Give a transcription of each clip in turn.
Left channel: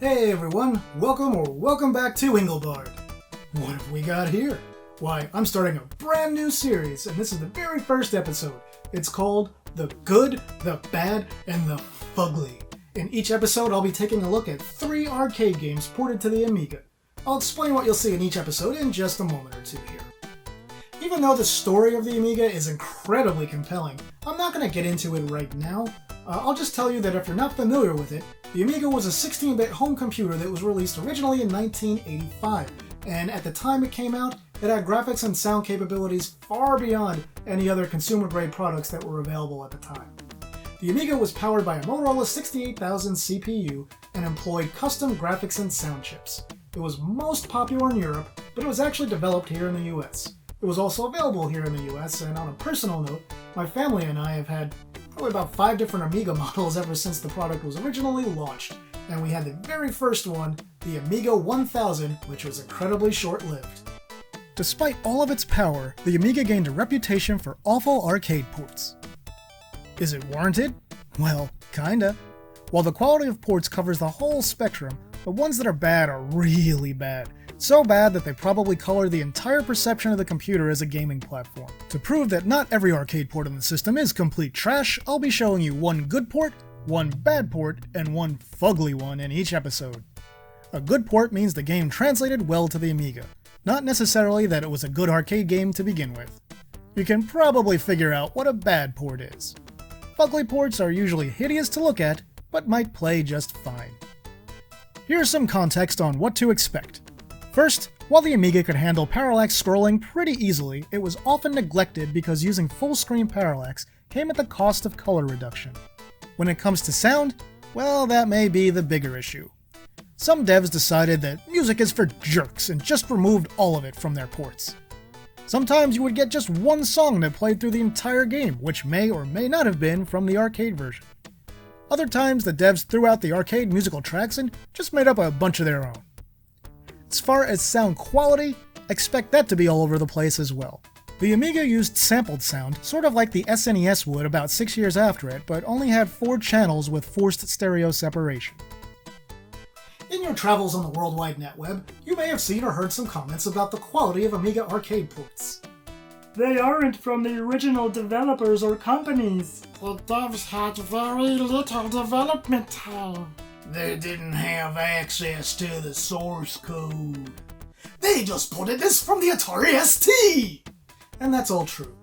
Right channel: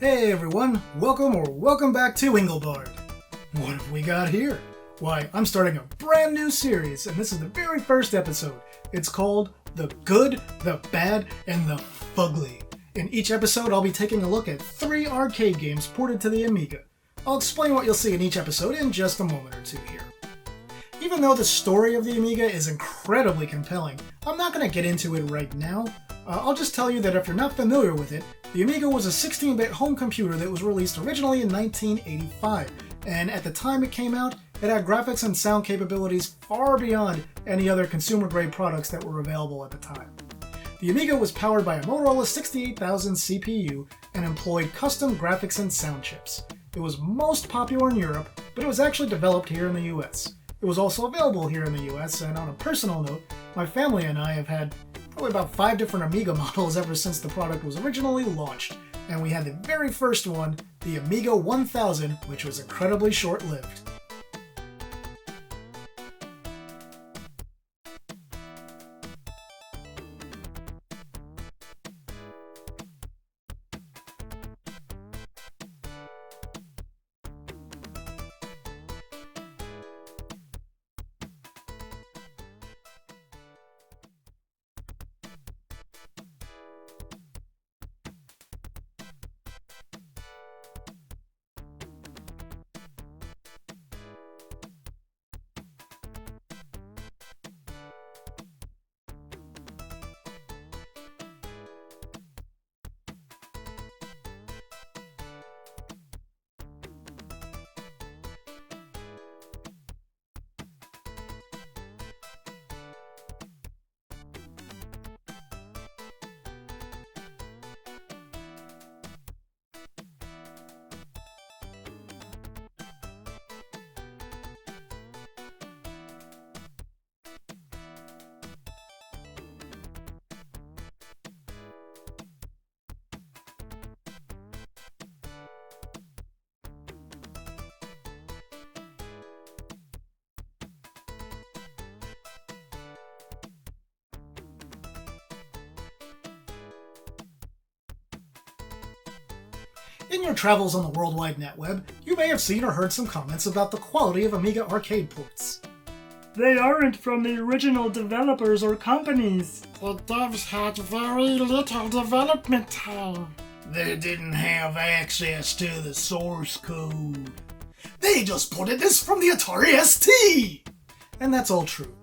Hey everyone, welcome back to Engelbart. What have we got here? Why, I'm starting a brand new series, and this is the very first episode. It's called The Good, the Bad, and the Fugly. In each episode, I'll be taking a look at 3 arcade games ported to the Amiga. I'll explain what you'll see in each episode in just a moment or two here. Even though the story of the Amiga is incredibly compelling, I'm not going to get into it right now. I'll just tell you that if you're not familiar with it, the Amiga was a 16-bit home computer that was released originally in 1985, and at the time it came out, it had graphics and sound capabilities far beyond any other consumer-grade products that were available at the time. The Amiga was powered by a Motorola 68000 CPU and employed custom graphics and sound chips. It was most popular in Europe, but it was actually developed here in the US. It was also available here in the US, and on a personal note, my family and I have had probably about 5 different Amiga models ever since the product was originally launched, and we had the very first one, the Amiga 1000, which was incredibly short-lived. Despite all of its power, the Amiga gained a reputation for awful arcade ports. Is it warranted? Well, kinda. While the quality of ports covers the whole spectrum, the ones that are bad are really bad. So bad that they probably color the entire perception of the computer as a gaming platform. To prove that not every arcade port in the system is complete trash, I'll be showing you one good port, one bad port, and one fugly one in each episode. A good port means the game translated well to the Amiga, not necessarily that it was a good arcade game to begin with. You can probably figure out what a bad port is. Fugly ports are usually hideous to look at, but might play just fine. Here's some context on what to expect. First, while the Amiga could handle parallax scrolling pretty easily, it was often neglected because using full-screen parallax came at the cost of color reduction. When it comes to sound, well, that may be the bigger issue. Some devs decided that music is for jerks and just removed all of it from their ports. Sometimes you would get just one song that played through the entire game, which may or may not have been from the arcade version. Other times, the devs threw out the arcade musical tracks and just made up a bunch of their own. As far as sound quality, expect that to be all over the place as well. The Amiga used sampled sound, sort of like the SNES would about 6 years after it, but only had 4 channels with forced stereo separation. In your travels on the World Wide Net Web, you may have seen or heard some comments about the quality of Amiga arcade ports. They aren't from the original developers or companies. The devs had very little development time. They didn't have access to the source code. They just ported this from the Atari ST! And that's all true.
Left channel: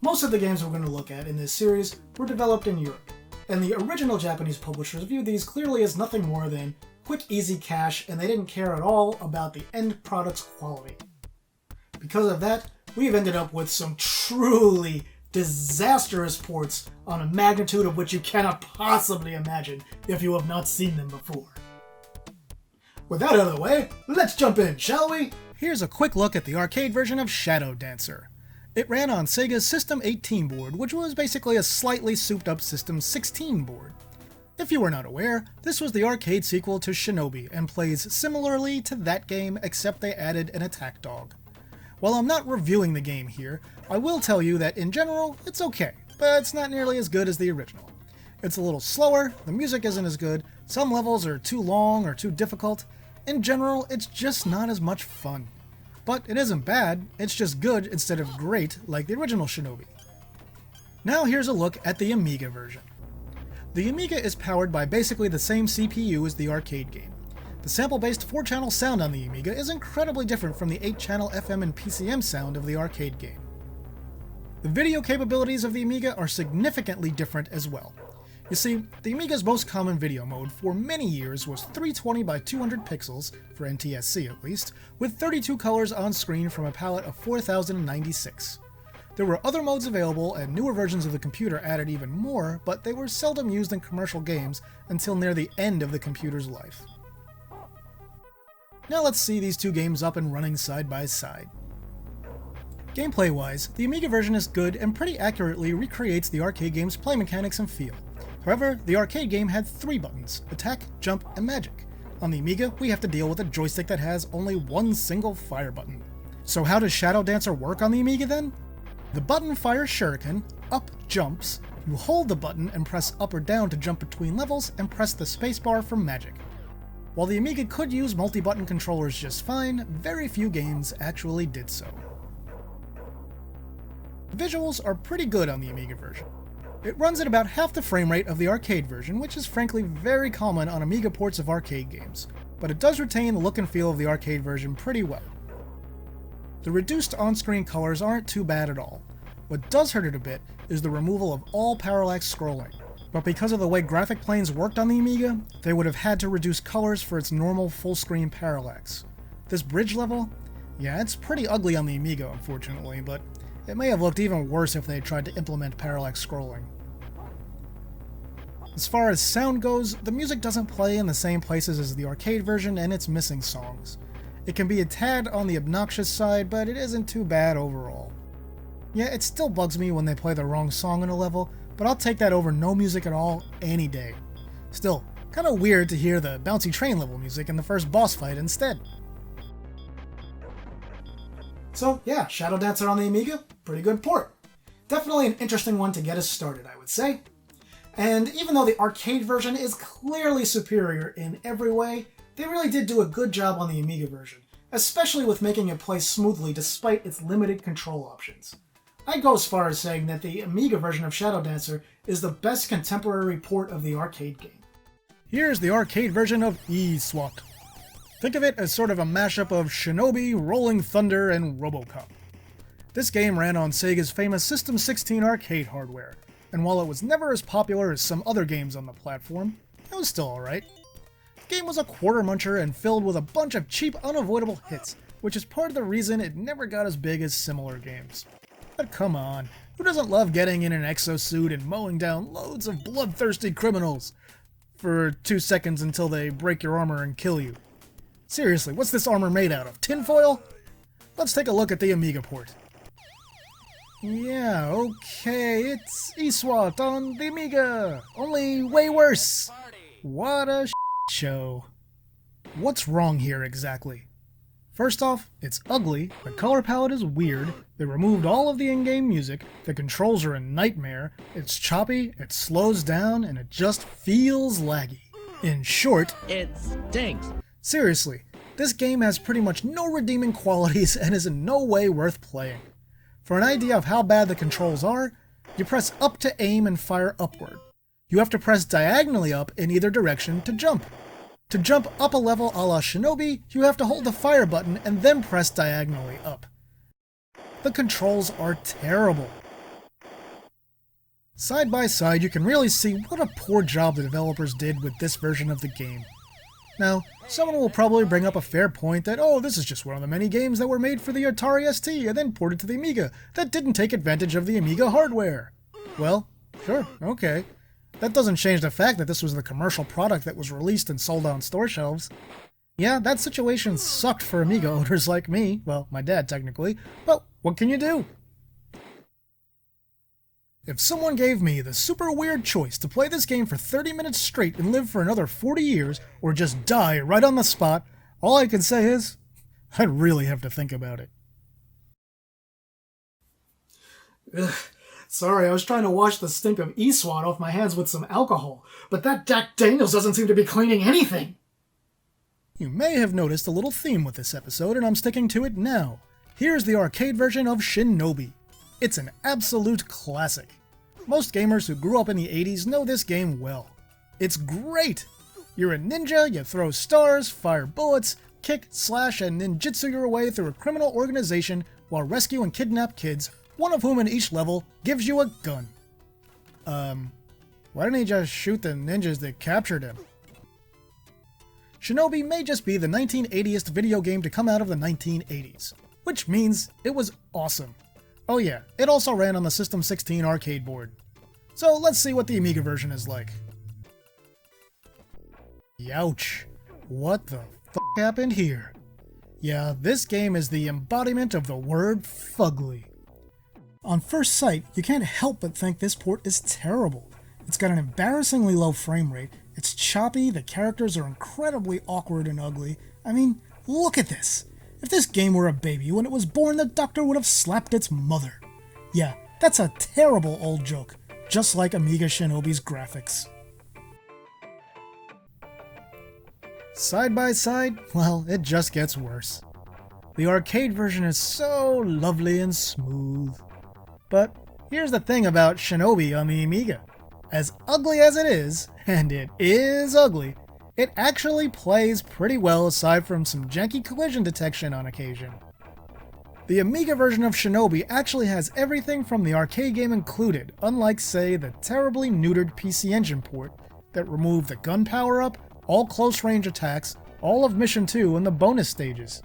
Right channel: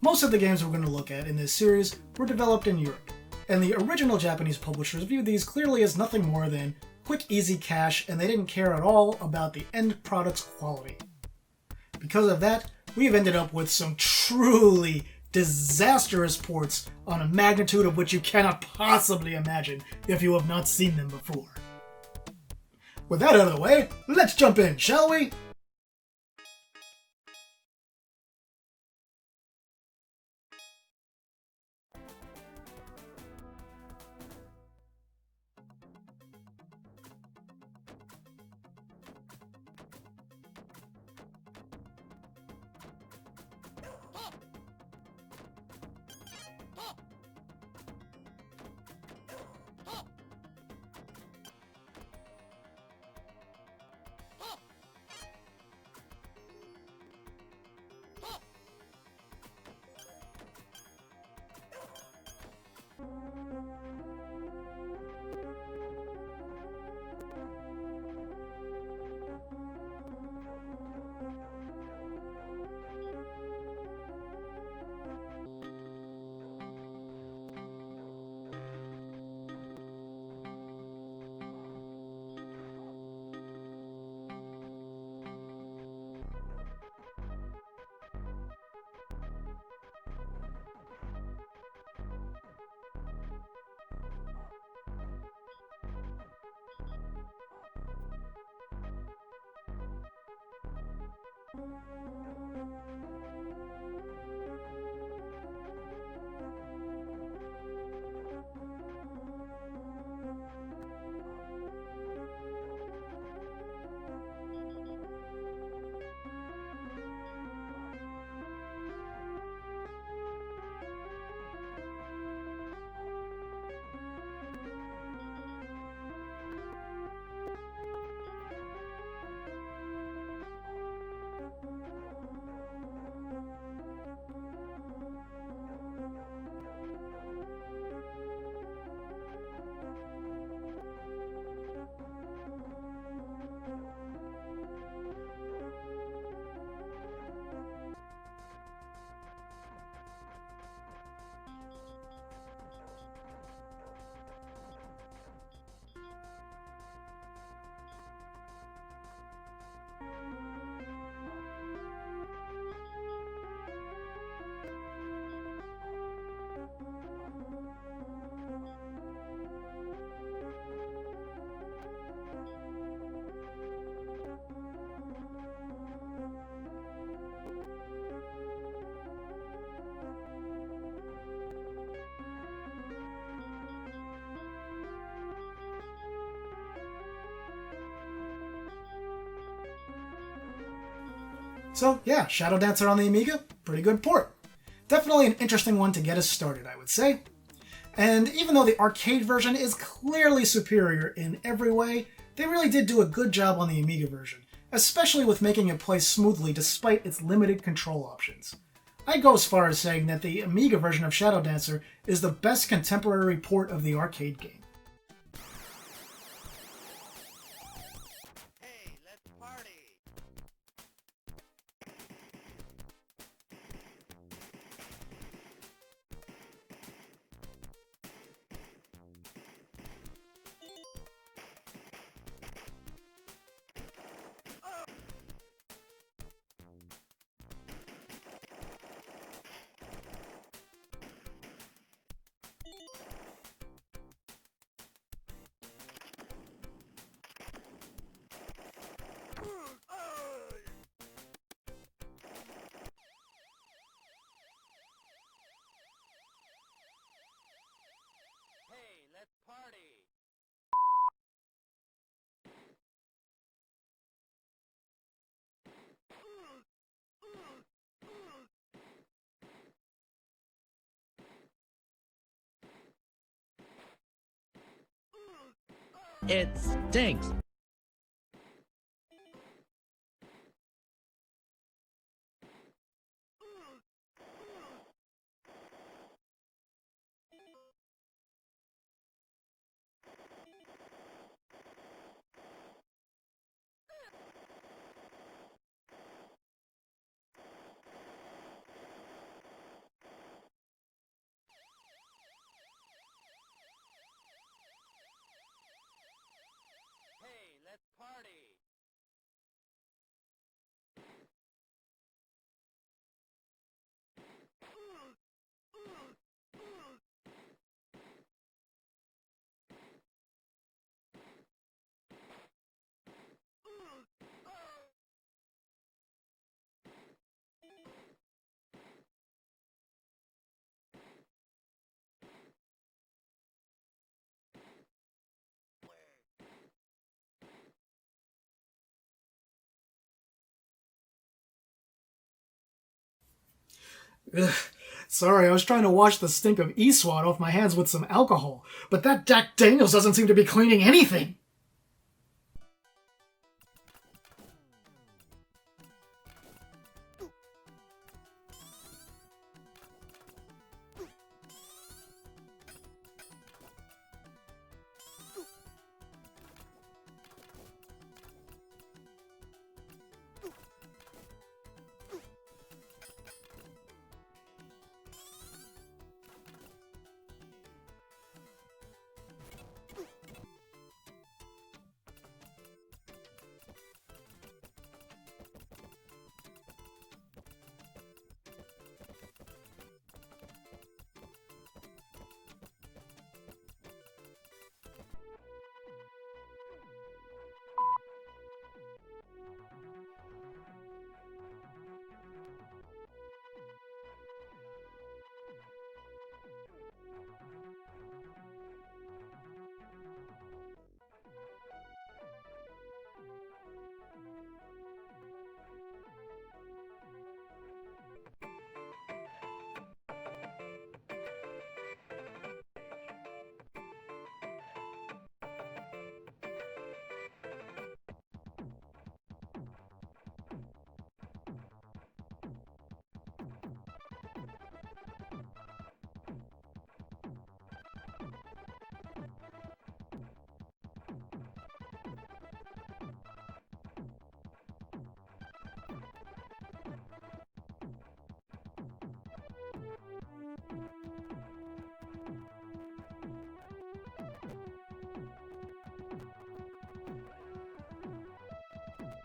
Most of the games we're going to look at in this series were developed in Europe, and the original Japanese publishers viewed these clearly as nothing more than quick, easy cash, and they didn't care at all about the end product's quality. Because of that, we've ended up with some truly disastrous ports on a magnitude of which you cannot possibly imagine if you have not seen them before. With that out of the way, let's jump in, shall we? Here's a quick look at the arcade version of Shadow Dancer. It ran on Sega's System 18 board, which was basically a slightly souped-up System 16 board. If you were not aware, this was the arcade sequel to Shinobi, and plays similarly to that game except they added an attack dog. While I'm not reviewing the game here, I will tell you that in general, it's okay, but it's not nearly as good as the original. It's a little slower, the music isn't as good, some levels are too long or too difficult. In general, it's just not as much fun. But it isn't bad, it's just good instead of great like the original Shinobi. Now here's a look at the Amiga version. The Amiga is powered by basically the same CPU as the arcade game. The sample-based 4-channel sound on the Amiga is incredibly different from the 8-channel FM and PCM sound of the arcade game. The video capabilities of the Amiga are significantly different as well. You see, the Amiga's most common video mode for many years was 320 by 200 pixels, for NTSC at least, with 32 colors on screen from a palette of 4096. There were other modes available, and newer versions of the computer added even more, but they were seldom used in commercial games until near the end of the computer's life. Now let's see these two games up and running side by side. Gameplay-wise, the Amiga version is good and pretty accurately recreates the arcade game's play mechanics and feel. However, the arcade game had 3 buttons: attack, jump, and magic. On the Amiga, we have to deal with a joystick that has only one single fire button. So how does Shadow Dancer work on the Amiga then? The button fires shuriken, up jumps, you hold the button and press up or down to jump between levels, and press the spacebar for magic. While the Amiga could use multi-button controllers just fine, very few games actually did so. The visuals are pretty good on the Amiga version. It runs at about half the frame rate of the arcade version, which is frankly very common on Amiga ports of arcade games, but it does retain the look and feel of the arcade version pretty well. The reduced on-screen colors aren't too bad at all. What does hurt it a bit is the removal of all parallax scrolling, but because of the way graphic planes worked on the Amiga, they would have had to reduce colors for its normal full-screen parallax. This bridge level? Yeah, it's pretty ugly on the Amiga, unfortunately, but it may have looked even worse if they had tried to implement parallax scrolling. As far as sound goes, the music doesn't play in the same places as the arcade version, and it's missing songs. It can be a tad on the obnoxious side, but it isn't too bad overall. Yeah, it still bugs me when they play the wrong song in a level, but I'll take that over no music at all any day. Still, kinda weird to hear the bouncy train level music in the first boss fight instead. So yeah, Shadow Dancer on the Amiga, pretty good port. Definitely an interesting one to get us started, I would say. And even though the arcade version is clearly superior in every way, they really did do a good job on the Amiga version, especially with making it play smoothly despite its limited control options. I'd go as far as saying that the Amiga version of Shadow Dancer is the best contemporary port of the arcade game. Here's the arcade version of E-Swat. Think of it as sort of a mashup of Shinobi, Rolling Thunder, and RoboCop. This game ran on Sega's famous System 16 arcade hardware, and while it was never as popular as some other games on the platform, it was still alright. The game was a quarter muncher and filled with a bunch of cheap, unavoidable hits, which is part of the reason it never got as big as similar games. But come on, who doesn't love getting in an exosuit and mowing down loads of bloodthirsty criminals for 2 seconds until they break your armor and kill you? Seriously, what's this armor made out of? Tinfoil? Let's take a look at the Amiga port. Yeah, okay, it's E-Swat on the Amiga, only way worse. What a show. What's wrong here exactly? First off, it's ugly, the color palette is weird, they removed all of the in-game music, the controls are a nightmare, it's choppy, it slows down, and it just feels laggy. In short, it stinks. Seriously, this game has pretty much no redeeming qualities and is in no way worth playing. For an idea of how bad the controls are, you press up to aim and fire upward. You have to press diagonally up in either direction to jump. To jump up a level a la Shinobi, you have to hold the fire button and then press diagonally up. The controls are terrible. Side by side, you can really see what a poor job the developers did with this version of the game. Now, someone will probably bring up a fair point that, oh, this is just one of the many games that were made for the Atari ST and then ported to the Amiga that didn't take advantage of the Amiga hardware. Well, sure, okay. That doesn't change the fact that this was the commercial product that was released and sold on store shelves. Yeah, that situation sucked for Amiga owners like me, well, my dad technically, but what can you do? If someone gave me the super weird choice to play this game for 30 minutes straight and live for another 40 years, or just die right on the spot, all I can say is, I'd really have to think about it. Ugh. Sorry, I was trying to wash the stink of E-Swat off my hands with some alcohol, but that Jack Daniels doesn't seem to be cleaning anything! You may have noticed a little theme with this episode, and I'm sticking to it now. Here's the arcade version of Shinobi. It's an absolute classic. Most gamers who grew up in the 80s know this game well. It's great! You're a ninja, you throw stars, fire bullets, kick, slash, and ninjutsu your way through a criminal organization while rescue and kidnap kids, one of whom in each level gives you a gun. Why didn't he just shoot the ninjas that captured him? Shinobi may just be the 1980th video game to come out of the 1980s, which means it was awesome. Oh yeah, it also ran on the System 16 arcade board. So let's see what the Amiga version is like. Youch. What the f*** happened here? Yeah, this game is the embodiment of the word fugly. On first sight, you can't help but think this port is terrible. It's got an embarrassingly low frame rate, it's choppy, the characters are incredibly awkward and ugly. I mean, look at this! If this game were a baby, when it was born, the doctor would have slapped its mother. Yeah, that's a terrible old joke, just like Amiga Shinobi's graphics. side by side, well, it just gets worse. The arcade version is so lovely and smooth. But here's the thing about Shinobi on the Amiga. As ugly as it is, and it is ugly, it actually plays pretty well aside from some janky collision detection on occasion. The Amiga version of Shinobi actually has everything from the arcade game included, unlike, say, the terribly neutered PC Engine port that removed the gun power-up, all close-range attacks, all of Mission 2, and the bonus stages.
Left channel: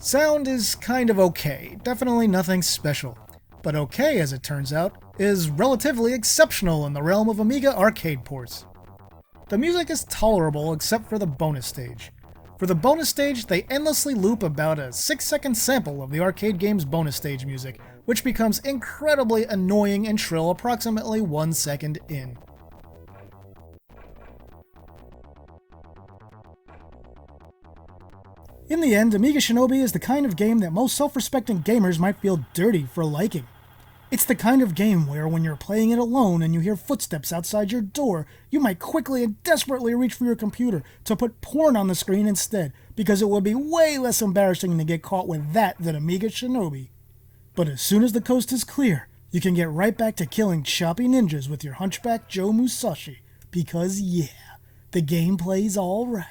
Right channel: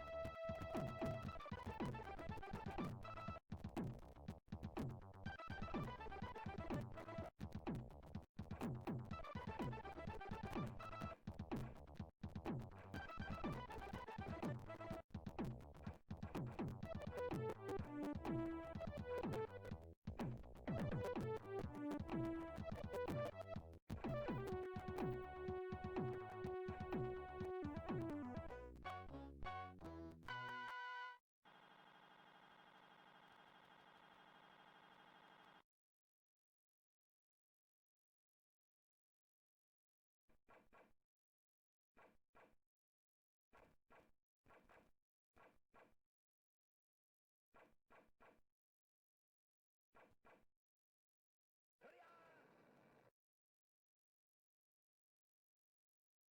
Sound is kind of okay, definitely nothing special. But okay, as it turns out, is relatively exceptional in the realm of Amiga arcade ports. The music is tolerable except for the bonus stage. For the bonus stage, they endlessly loop about a 6-second sample of the arcade game's bonus stage music, which becomes incredibly annoying and shrill approximately 1 second in. In the end, Amiga Shinobi is the kind of game that most self-respecting gamers might feel dirty for liking. It's the kind of game where when you're playing it alone and you hear footsteps outside your door, you might quickly and desperately reach for your computer to put porn on the screen instead, because it would be way less embarrassing to get caught with that than Amiga Shinobi. But as soon as the coast is clear, you can get right back to killing choppy ninjas with your Hunchback Joe Musashi, because yeah, the game plays alright.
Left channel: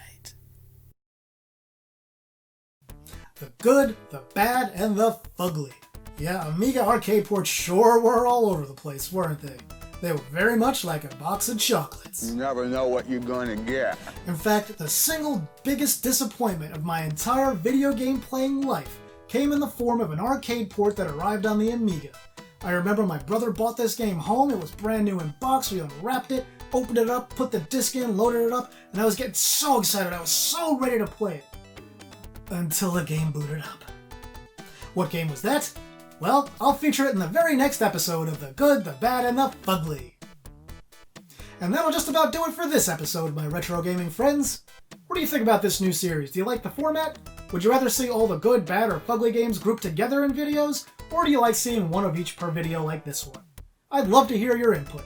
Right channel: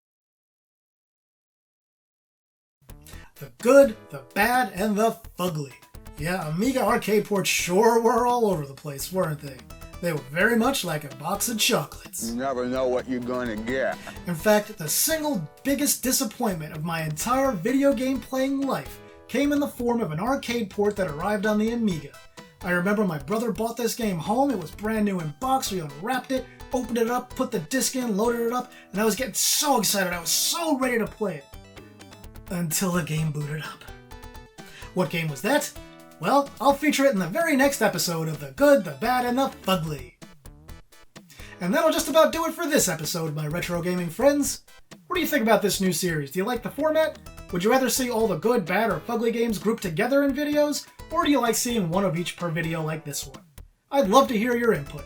The good, the bad, and the fugly. Yeah, Amiga arcade ports sure were all over the place, weren't they? They were very much like a box of chocolates. You never know what you're gonna get. In fact, the single biggest disappointment of my entire video game playing life came in the form of an arcade port that arrived on the Amiga. I remember my brother bought this game home, it was brand new in box, we unwrapped it, opened it up, put the disc in, loaded it up, and I was getting so excited, I was so ready to play it. Until the game booted up. What game was that? Well, I'll feature it in the very next episode of The Good, the Bad, and the Fugly. And that'll just about do it for this episode, my retro gaming friends. What do you think about this new series? Do you like the format? Would you rather see all the good, bad, or fugly games grouped together in videos? Or do you like seeing one of each per video like this one? I'd love to hear your input.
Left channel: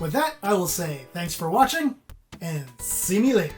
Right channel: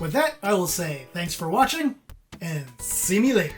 With that, I will say thanks for watching, and see me later.